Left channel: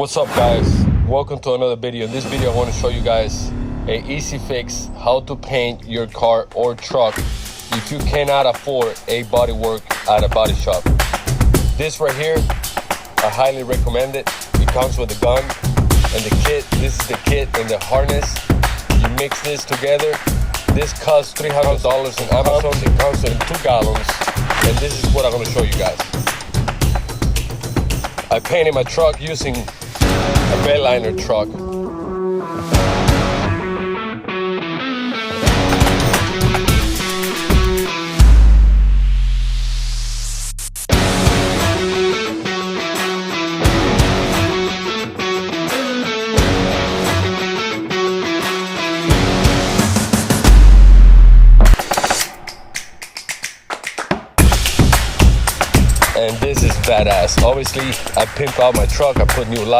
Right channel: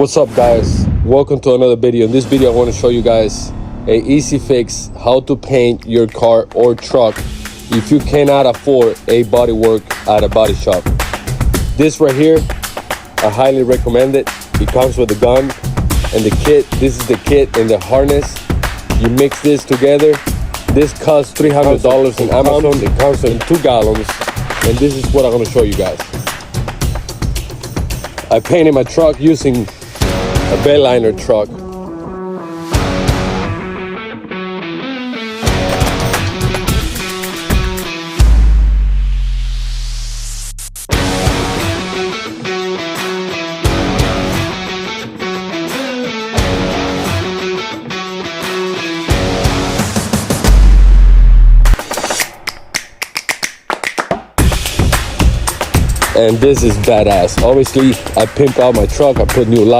What's up, guys? Welcome to another video. In this video I want to show you guys a easy fix how to paint your car or truck if you cannot afford a body work at a body shop. This right here, I highly recommend it. It comes with a gun and the kit. This is the kit and the harness. You mix this together. This costs $300 on Amazon. It comes in 2 gallons, and this is what I'm going to show you guys. I painted my truck using a Bayliner truck. And this is badass. Obviously, I pimped out my truck. I put new lights.